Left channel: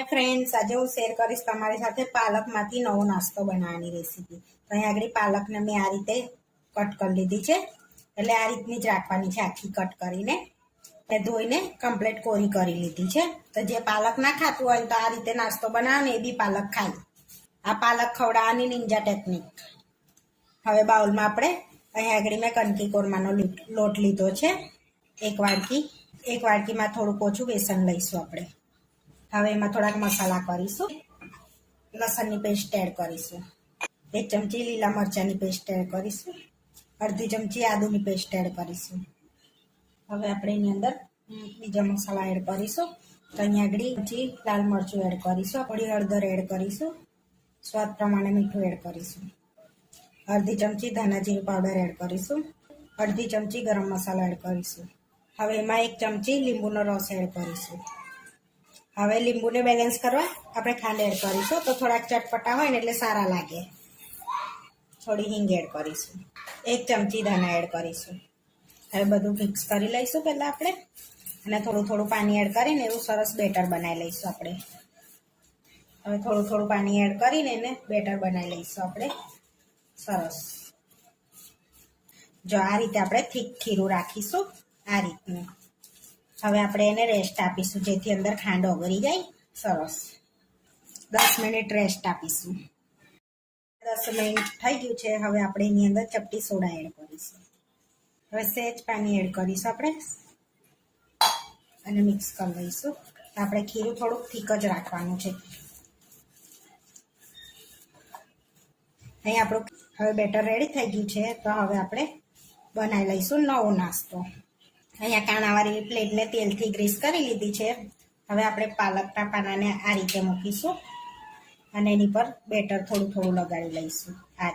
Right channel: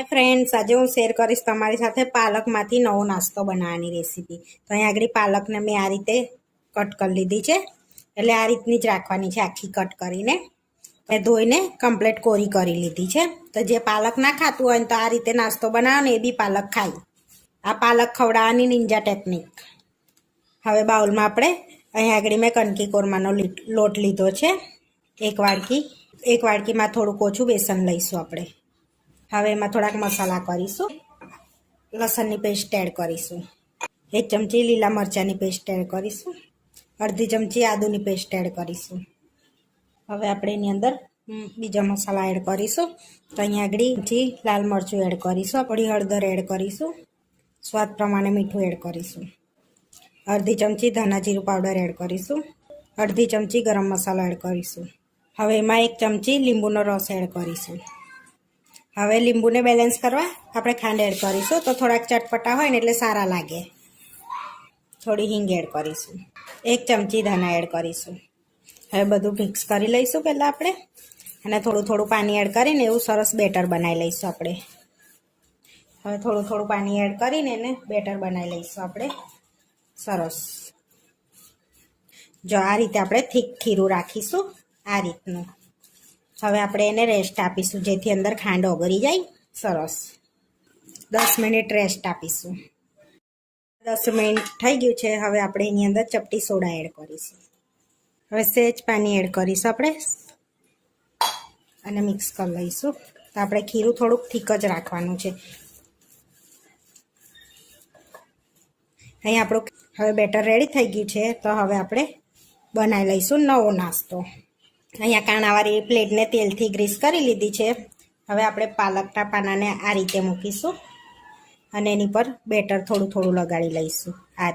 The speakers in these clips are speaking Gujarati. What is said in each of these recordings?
हाय फ्रेंड्स, आज हूँ शेर करीश तमारी साथे पालकमांथी नवो नास्तो बनाववानी रेसिपी। तो अहीं आगळ पालकने मैं आ रीते कट कर लीधी छे, एटले आ रीतनी ज राखवानी छे, आखी कट करीने धोईने कम्प्लीट कोरी करी लीधी छे। तो जे पालक ना खातुं होय तो आ रीते नास्तो बनावो ने ए बी पालक खाय। आ पालक खवडाववानी निंजा टेक्निक। हवे बाउलमां आपणे अहीं आगळ मैं कणकी कोरमानो लोट लीधो छे, एक वाडकीमां थोडुं ओछुं बेसन लईशुं आपणे। हवे एमां थोड़ाक मसाला करीशुं। लसणनी पेस्ट एड करीशुं। 1 चमची लीला मरचानी पेस्ट एड करीशुं। अर्धी चमची आदुनी पेस्ट एड करीशुं। हवे आपणे एनी अंदर बीजा मसाला एड करीशुं। तो अहीं आगळ चमची लाल मरचुं एड करीशुं। थोड़ी हळदर एड करीशुं। स्वाद प्रमाणे मीठुं एड करीशुं। अर्धी चमची धना जीरुं पाउडर एड करीशुं। अर्धी चमची गरम मसालो एड करीशुं। हवे एमां 1 चमची લીંબુનો रस एड करीशुं। हवे લીંબુને બેલેન્સ કરવા આપણે ખાંડ એડ કરીશું, તો થોડાક ચટપટા હોય ને એટલે સારા લાગે। થોડી હિંગ એડ કરીશું। 1 ચમચી ધાણા એડ કરીશું। હવે બધું મિક્સ કરી લઈશું પહેલાં આપણે, અને થોડું થોડું પાણી એડ કરીને એવું સરસ બેટર બનાવી લઈશું આપણે। હવે થોડું થોડું પાણી એડ કરીને એને બેટર બનાવી લઈશું આપણે સરસ। જો આ રીતે આપણે થીક ખીરું રાખીશું, આ રીતનું। હવે આપણે એને રેસ્ટ આપીશું, જેથી અંદર ખાંડ ઓગળી જાય સરસ। 10 મિનિટ રેસ્ટ આપીશું। 10 મિનિટ થઈ ગયું છે। હવે આપણે એની અંદર ચપટી સોડા એડ કરીશું। હવે સહેજ પાણી એડ કરીશું આપણે અને મિક્સ કરી લઈશું। તો આપણે ખીરું થોડુંક થીક જ રાખવાનું છે। અહીં આપણું હવે બેટર રેડી થઈ ગયું છે। તો હવે આપણે બનાવી લઈશું નવો નાસ્તો। અહીંયા કાણાવાળી પ્લેટને તેલથી ગ્રીસ કરી લીધી છે। હવે આપણે પાલકના પાનાને આ રીતે મૂકીશું અને એની પર બેટર થોડું થોડું લગાડી લઈશું। આ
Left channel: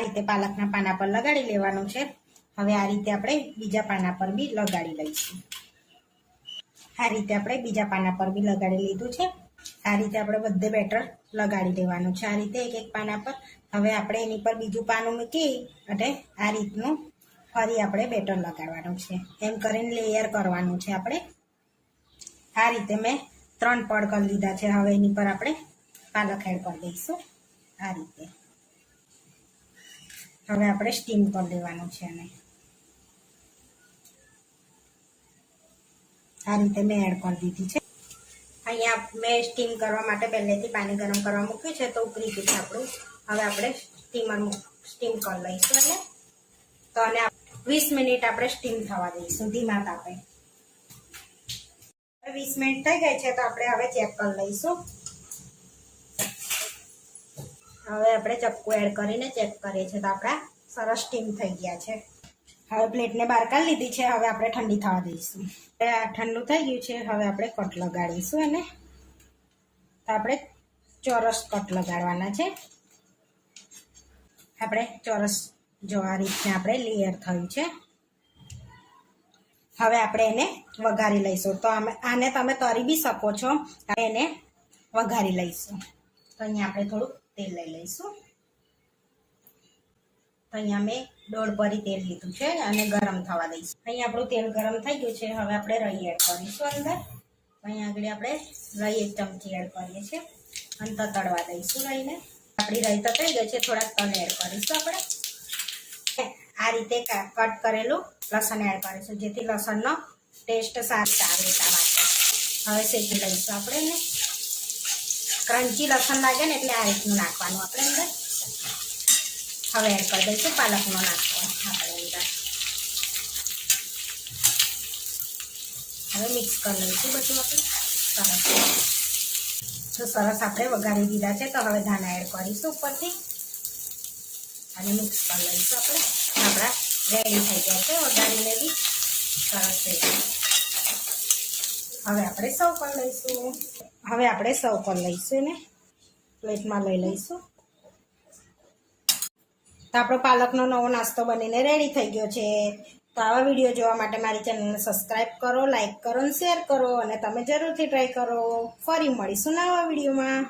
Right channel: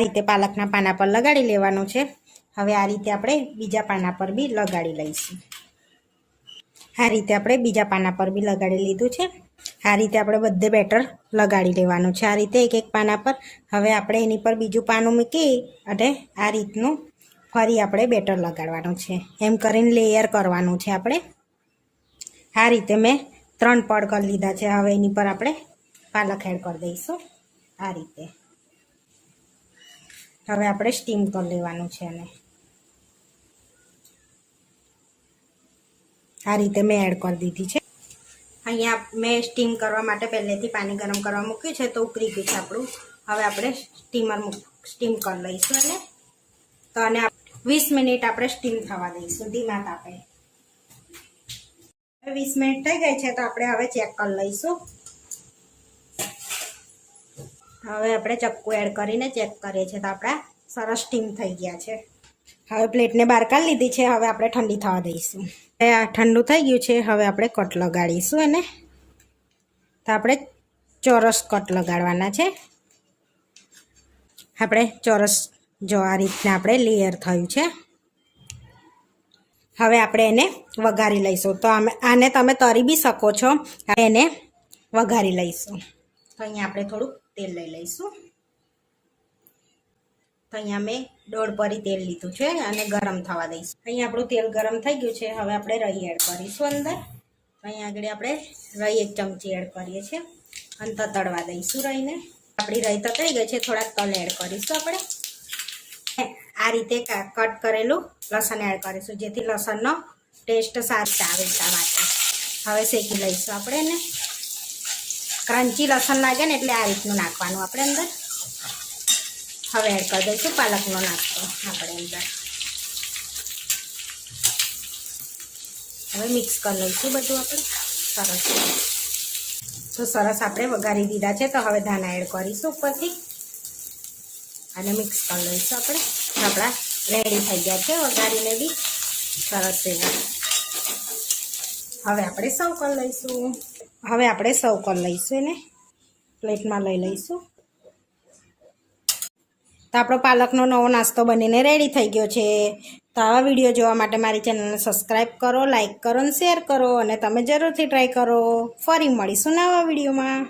રીતે પાલકના પાના પર લગાડી લેવાનું છે। હવે આ રીતે આપણે બીજા પાના પર બી લગાડી લઈશું। આ રીતે આપણે બીજા પાના પર બી લગાડી લીધું છે। આ રીતે આપણે બધે બેટર લગાડી લેવાનું છે, આ રીતે એક એક પાના પર। હવે આપણે એની પર બીજું પાનું મૂકી અને આ રીતનું ફરી આપણે બેટર લગાડવાનું છે। એમ કરીને લેયર કરવાનું છે આપણે। આ રીતે મેં 3 પડ કરી લીધા છે। હવે એની પર આપણે પાલક એડ કરી દઈશું આ રીતે। હવે આપણે સ્ટીમ કરી લેવાનું છે અને આ રીતે મેં એડ કરી દીધી છે। અહીંયા મેં સ્ટીમ કરવા માટે પહેલેથી પાણી ગરમ કરવા મૂક્યું છે, તો ઉકળી ગયું છે આપણું। હવે આપણે સ્ટીમ કરી લઈશું એટલે તો અને 20 મિનિટ આપણે સ્ટીમ થવા દઈશું ધીમા તાપે। 20 મિનિટ થઈ ગઈ છે, તો આપણે હવે ચેક કરી લઈશું। હવે આપણે ચક્કુ એડ કરીને ચેક કરીએ છીએ, તો આપણા સરસ સ્ટીમ થઈ ગયા છે। હવે પ્લેટને બહાર કાઢી લીધી છે। હવે આપણે ઠંડી થવા દઈશું। આ ઠંડુ થઈ ગયું છે। હવે આપણે કટ લગાડીશું એને। તો આપણે ચોરસ કટ લગાડવાના છે। આપણે ચોરસ જો આ રીતના આપણે લેયર થયું છે। હવે આપણે એને વઘારી લઈશું। તો આને તમે તળી બી શકો છો, એને વઘારી લઈશું। તો અહીંયા આપણે થોડું તેલ લઈ લઈશું। તો અહીંયા મેં 1.5 પરી તેલ લીધું છે અને ગરમ થવા દઈશું। અહીંયા આપણું તેલ ગરમ થઈ ગયું છે। હવે આપણે રાઈ એડ કરીશું અંદર। અહીંયા આગળ આપણે રાઈ 1 ચમચી એડ કરીએ છીએ અને તતડવા દઈશું રાઈને। આપણી રાઈ તતાઈ ગઈ છે, થોડાક તલ એડ કરીશું આપણે। આ રીતે કટ કરેલું લસણ એડ કરીશું, જેથી લસણનો ટેસ્ટ સારો આવે એટલા માટે। હવે શેકી લઈશું આપણે એને। ક્રન્ચી લસણ લાગે ને એટલે આ રીતનું નાખવાનું આપણે અંદર। હવે એડ કરી દઈશું પાલકનો નાસ્તો આપણે અંદર। હવે મિક્સ કરી લઈશું બધું આપણે સરસ। તો સરસ આપણે વઘારી દીધા છે। તો હવે ધાણા એડ કરીશું ઉપરથી અને મિક્સ કરી લઈશું આપણે। આપણા રેડી થઈ ગયા છે વઘારીને બી સરસ એવા। હવે આપણે સર્વ કરી લઈશું। એને પ્લેટમાં લઈ લઈશું। તો આપણો પાલકનો નવો નાસ્તો બનીને રેડી થઈ ગયો છે। તો આવા વિડીયો જોવા માટે મારી ચેનલને સબસ્ક્રાઈબ કરો, લાઈક કરો અને શેર કરો, અને તમે જરૂરથી ટ્રાય કરો। ફરી મળીશું નવા વિડીયોમાં।